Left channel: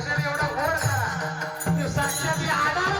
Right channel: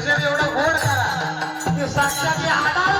भजन एवढं गोड करा. ते साक्षात हाडाला